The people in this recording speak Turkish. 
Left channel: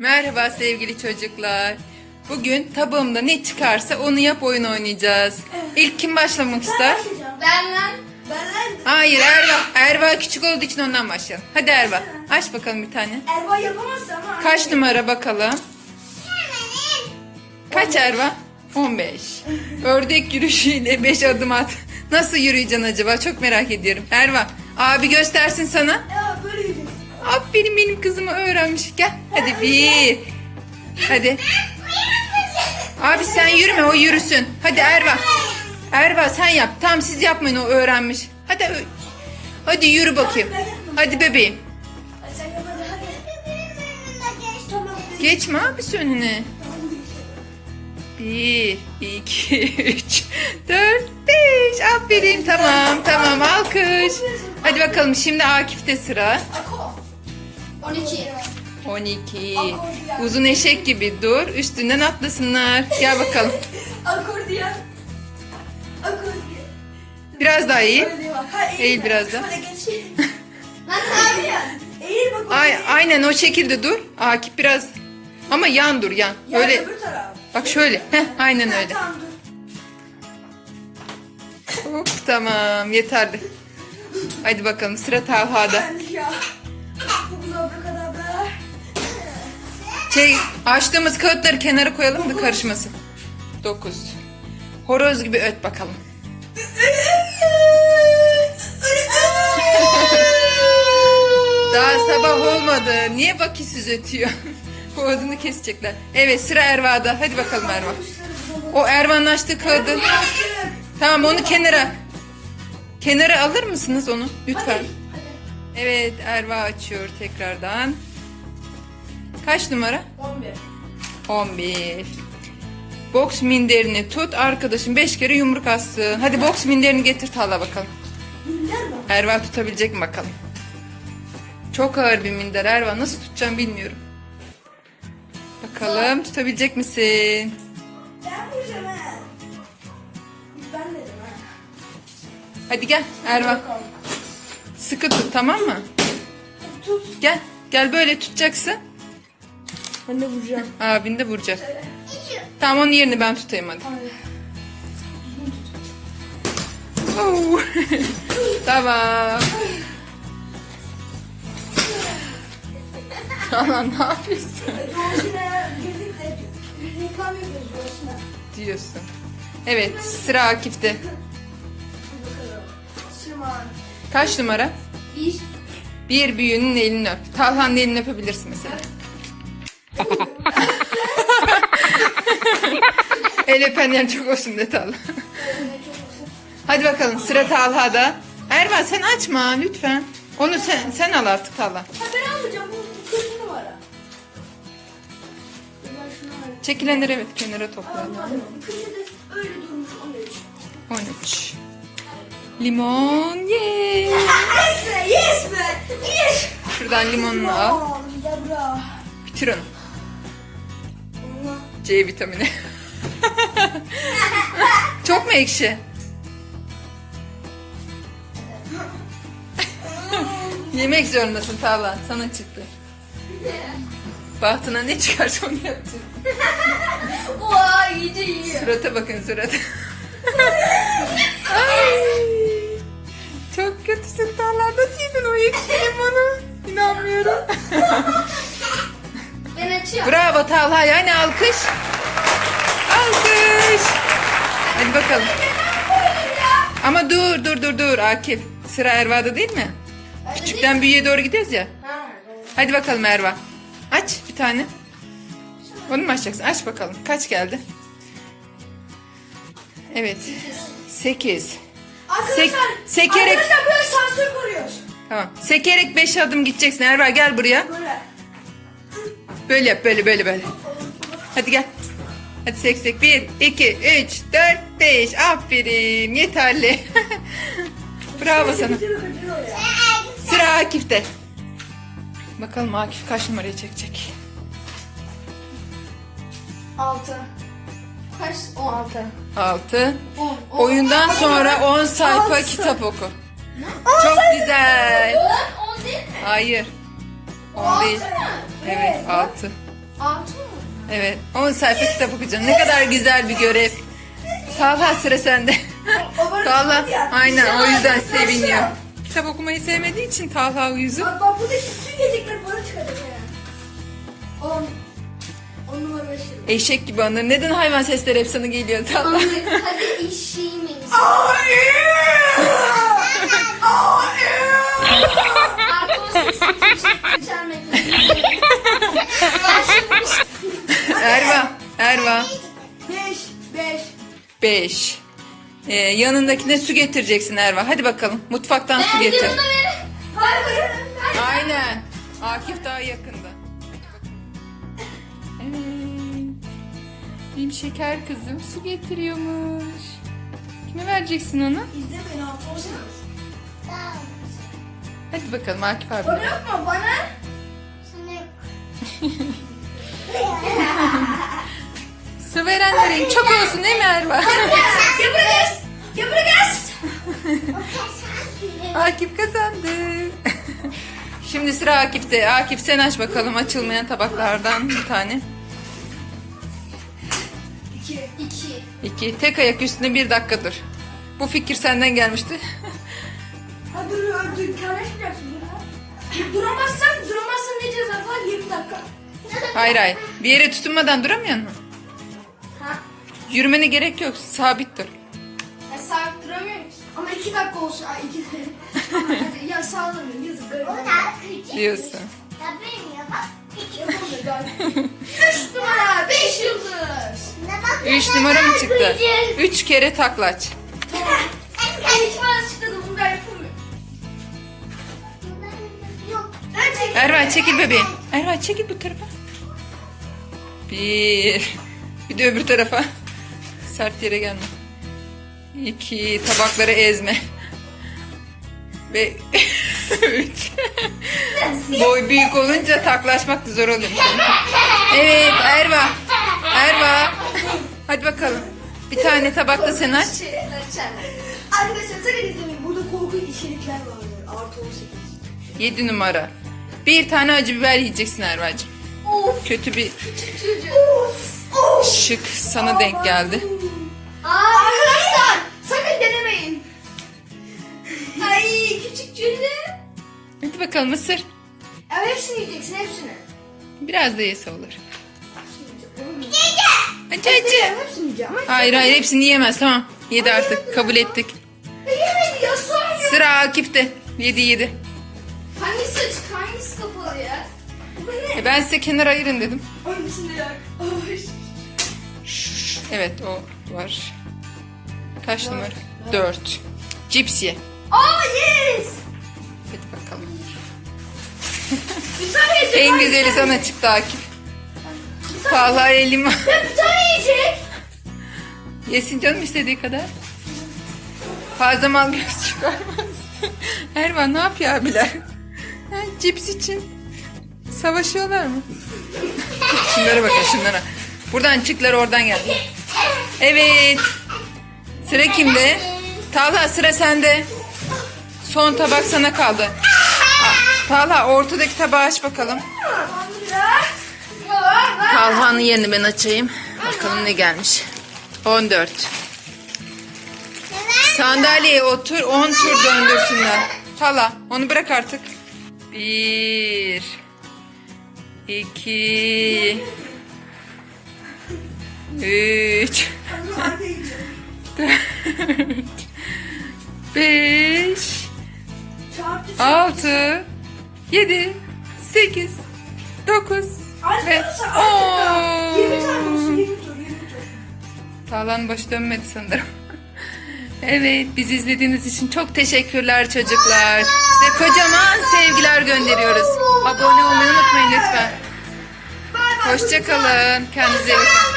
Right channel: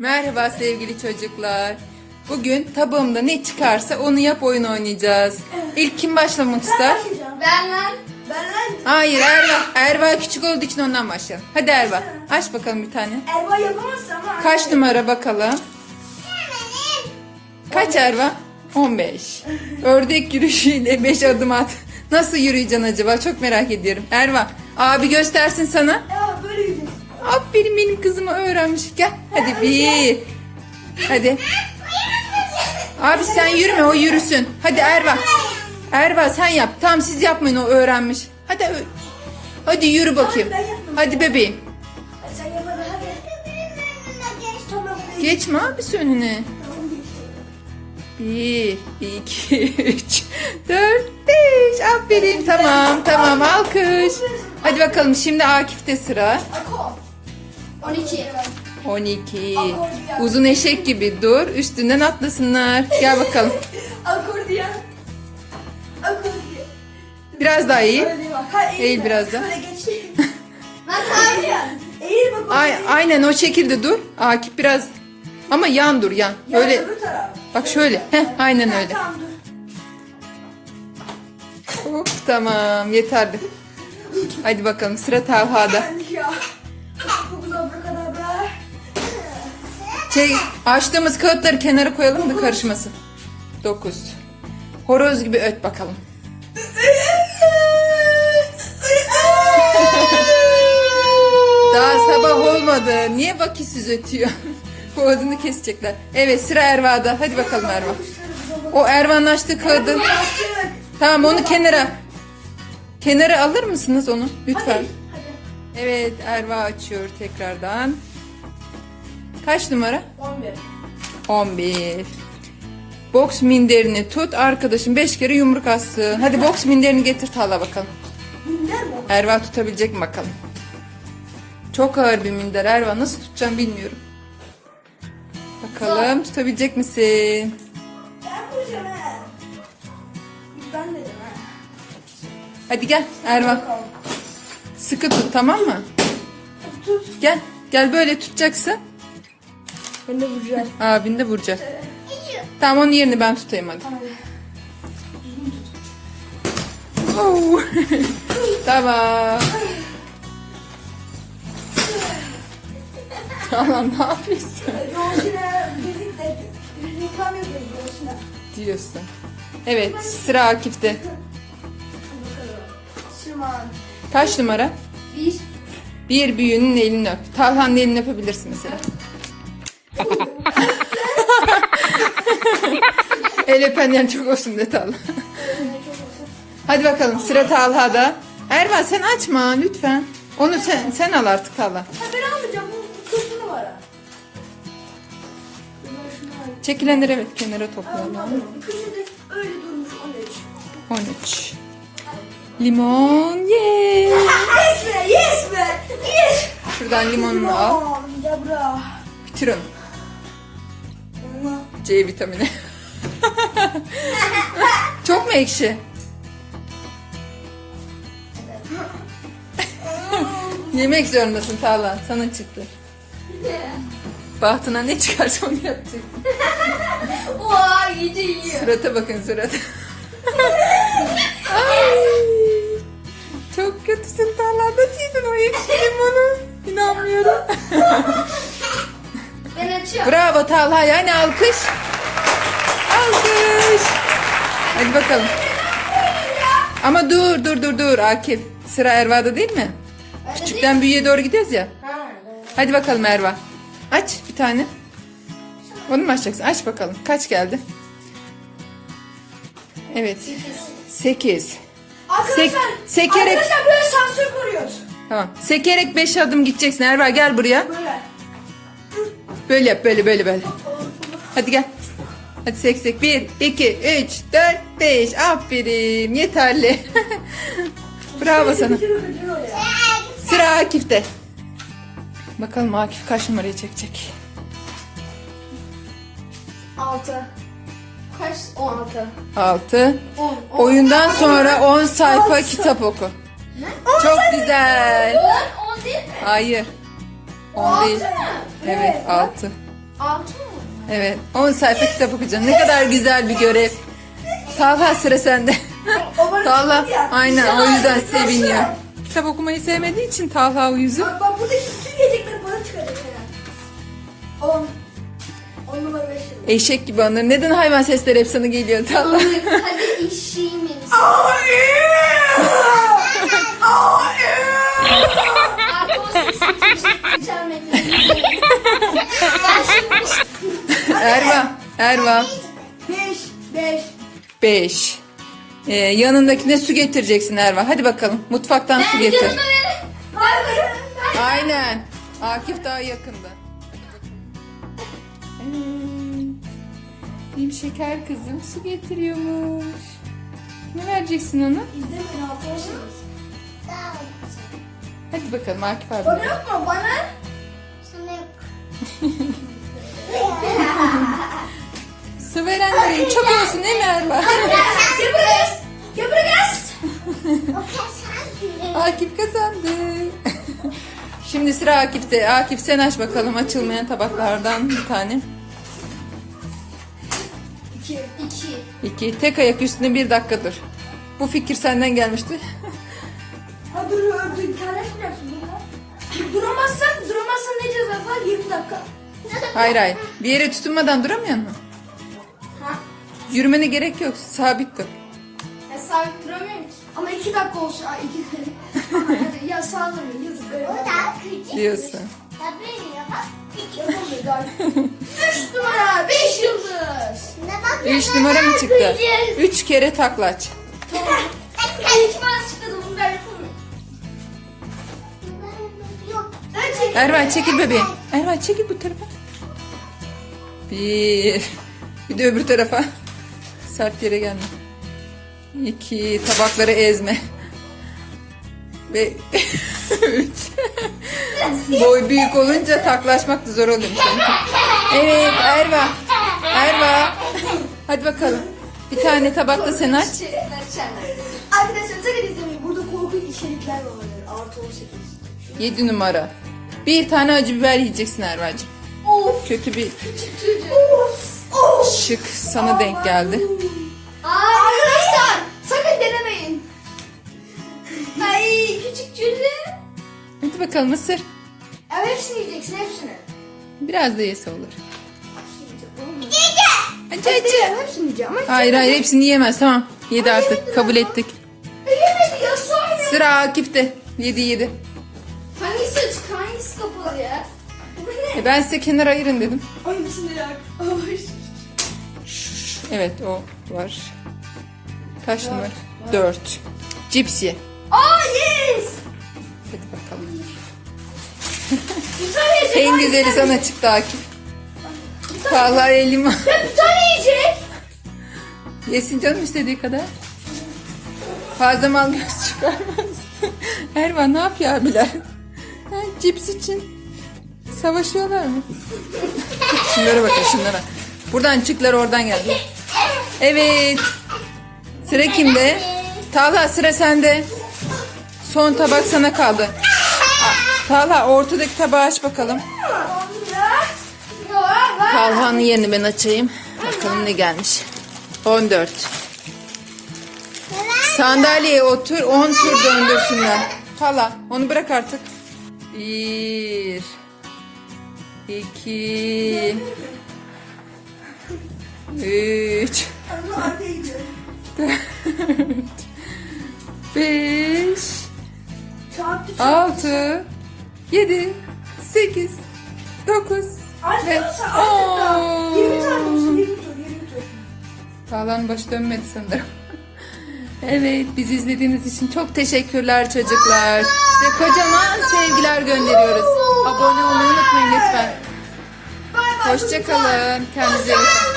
Merhaba sevgili çocuklar. Bugün tabağımda ne çıkarsa onu yap oyun oynayacağız. İlk kim başlamak ister? Ben lan. Ben lan. Hayır Erva. Erva küçük olduğu için ondan başlayalım. Hadi Erva aç bakalım bir tane. Erba yapamazsın ama. Kaç numara bakalım? Kaç Erva? 15. Ördek yürüyüşüyle 5 adım at. Nasıl yürüyeceksin acaba? Çok merak ediyorum. Erva abi göstersin sana. Gidiyor. Aferin benim kızımı öğrenmiş. Gel hadi bir. Hadi. Abi sen yürüme o yürüsün. Hadi Erva. Erva sen yap. Tamam siz yapmayın o öğrenmiş. Hadi hadi yürü bakayım. Hadi bebeğim. Geçme abisi önüne. Bir, iki, üç, dört, beş. Aferin. Tamam, tamam. Alkış. Hadi bakalım şimdi Akif'te sıra. Ako. 12. 12. Uzun eşek gibi dur. Üstünden atlasınlar. Gel bakalım. Akordiyon. Akordiyon. Biraz daha bak. Ha, Eğil biraz daha. Eğil bak. Ay, aynen o şekilde dur. Akif biraz ama yan dur yan. Ya, Böyle bak şöyle. Heh, aynen öyle. Hop tamam yeterli. Hadi bakalım sıra Talha'da. Şey açtığımız kağıtları kenara koyalım da karışmasın. 9. Horoz gibi öt bakalım. Daha sabah olmadı. Niye vakisiz ötüyor? Boğazını kesecekler. Evet sıra Erva'da. Hadi bakalım Erva. O Erva'nın açtığı kağıdı. Tamam onu kenara. Kenara alır mısınız onu? Lütfen. Evet Erva açıyor tekrardan. Kaç numara? 11. 11. Boks minderini tut arkadaşım 5 kere yumruk assın. Hadi boks minderini getir Tala bakalım. Minder mi? Erva tutabilecek mi bakalım. Çok ağır bir minder Erva nasıl tutacağım bilmiyorum. Bakalım tutabilecek misin? Ben vuracağım ha. Ben dedim ha. Hadi gel Erva. Sıkı tut tamam mı? Tut. Gel. Gel böyle tutacaksın. Ben de vuracağım. Abin de vuracak. Tamam onun yerini ben tutayım hadi. Tamam. Tamam ne yapıyorsun Roşine. diyorsun. Evet sıra Akif'te. Kaç numara? Bir. Bir büyüğünün elini öp. Talhan'ın elini öpebilirsin mesela. El öpen yer çok olsun de Talha. Hadi bakalım sıra Talha'da. Erman sen açma lütfen. Onu sen, sen al artık Talha. Ha ben almayacağım. Bu. Ben şunu alayım. Çekilenleri evet kenara toplayalım. Bu kızı da öyle durmuş 13. 13. Limon ye. Yes be yes be. Yes. Şuradan limonunu al. Aman Debra. Bitir onu. C vitamini. Çok mu ekşi? Yemek zorundasın Talha. Sana çıktı. Bahtına ne çıkarsa onu yapacaksın. Oha iyice yiyor. Surata bakın surata. Bravo Talha. Yani alkış. Alkış. Hadi bakalım. Ama dur dur dur dur Akif. Sıra Erva'da değil mi? Küçükten büyüğe doğru gidiyoruz ya. Hadi bakalım Erva. Aç bir tane. Onu mu açacaksın? Aç bakalım. Kaç geldi? Evet. Sekiz. Arkadaşlar, sekerek- arkadaşlar böyle sansür koruyoruz. Tamam. Sekerek beş adım gideceksin. Erva gel buraya. Böyle. Böyle yap. Böyle böyle böyle. Hadi gel. Hadi sek sek. Bir, iki, üç, dört, beş. Aferin. Yeterli. Bravo sana. Sıra Akif'te. Bakalım Akif kaç numarayı çekecek. 6. Kaç? 16. Altı. 10. Oyundan sonra 10 sayfa kitap oku. Çok güzel. 10 değil mi? Hayır. 10 değil. Altı mı? Evet 6. Altı mı? Evet 10 sayfa kitap okuyacaksın. Ne kadar güzel bir görev. Talha sıra sende. Talha aynen o yüzden seviniyor. Kitap okumayı sevmediği için Talha uyuzu. Bak bak buradaki bütün gelecekleri bana yani. On. On numara beş. Eşek gibi onları. Neden hayvan sesleri hep sana geliyor Talha? Hadi işeyim beni. Erva. Beş. Beş. 5. Ee, yanındakine su getireceksin Erva. Hadi bakalım. Mutfaktan su getir. Aynen. Akif daha yakında. Evet. Benim şeker kızım su getiriyormuş. Kime vereceksin onu? Hadi bakalım Akif abi. Bana yok mu? Bana? Su verenlerin çok olsun değil mi Erva? Yapacağız. Yapacağız. Akif kazandı. Şimdi sıra Akif'te. Akif sen aç bakalım açılmayan tabaklardan bir tane. İki. İki. İki. Tek ayak üstünde bir dakika dur. Bu fikir senden gelmişti. Ha dur dur. Karışmıyorsun. Duramazsan, duramazsan ne ceza var? 20 dakika. Hayır hayır. Bir yere tutunmadan duramıyor musun? Yürümene gerek yok. Sabit dur. Ya sabit duramıyorum ki. Ama 2 dakika olsun. Ay 2 dakika. ya sağlamayın. Yazık. Öyle. Diyorsun. Yapamıyor galiba. 3 numara. 5 yıldız. Üç numara mı çıktı? Üç kere taklaç. Ay 2 numara çıktı da bunu ben yapamıyorum. Ben çekeyim. Ervan çekil bebeğim. Ervan çekil bu tarafa. Bir. Bir de öbür tarafa. Sert yere gelme. İki. Tabakları ezme. Ve üç. Boy büyük olunca taklaşmak da zor oluyor. Evet Erva. Erva. Hadi bakalım. Bir tane tabakta sen aç. Arkadaşlar sakın izlemeyin. Burada korkunç içerikler var. Artı 18. Yedi numara. Bir tane acı biber yiyeceksin Erva'cığım. Of. Kötü bir Of. Şık sana denk geldi. Arkadaşlar sakın denemeyin. Ay küçük cülle. Hadi bakalım ısır. Ya hepsini yiyeceksin hepsini. Biraz da yese olur. Acı acı. Hepsini yiyeceğim. Ama Hayır hayır hepsini yiyemez tamam. Yedi artık kabul ettik. yemedi ya son ya. Sıra Akif'te. Yedi yedi. Hangisi açık hangisi kapalı ya? Bu ne? E ben size kenar ayırın dedim. Hangisini yak? Ay. Evet o var. Kaç numara? Dört. Cips ye. Aa yes. Hadi bakalım. Güzel yiyecek. En güzeli sana çıktı Akif. Talha elim bir tane yiyecek. Yesin canım istediği kadar. Fazla mal göz çıkarmaz. Ervan ne yapıyor abiler? Ha, cips için savaşıyorlar mı? şunlara bakın şunlara. Buradan çıktılar oradan geldi. Evet. Sıra kimde? Talha sıra sende. Son tabak sana kaldı. Talha ortadaki tabağı aç bakalım. Talha'nın yerini ben açayım. Bakalım ne gelmiş. 14. Sandalyeye otur 10 tur döndürsünler. Talha onu bırak artık. 1 2 artık 20 tane olsun. 10 20 tur 20 tur. Tağlan başı dönmedi sanırım. Evet, bizi izlediğiniz için çok teşekkürler çocuklar. Size kocaman sevgiler gönderiyoruz. Abone olmayı unutmayın lütfen. Hoşçakalın. Kendinize iyi bakın.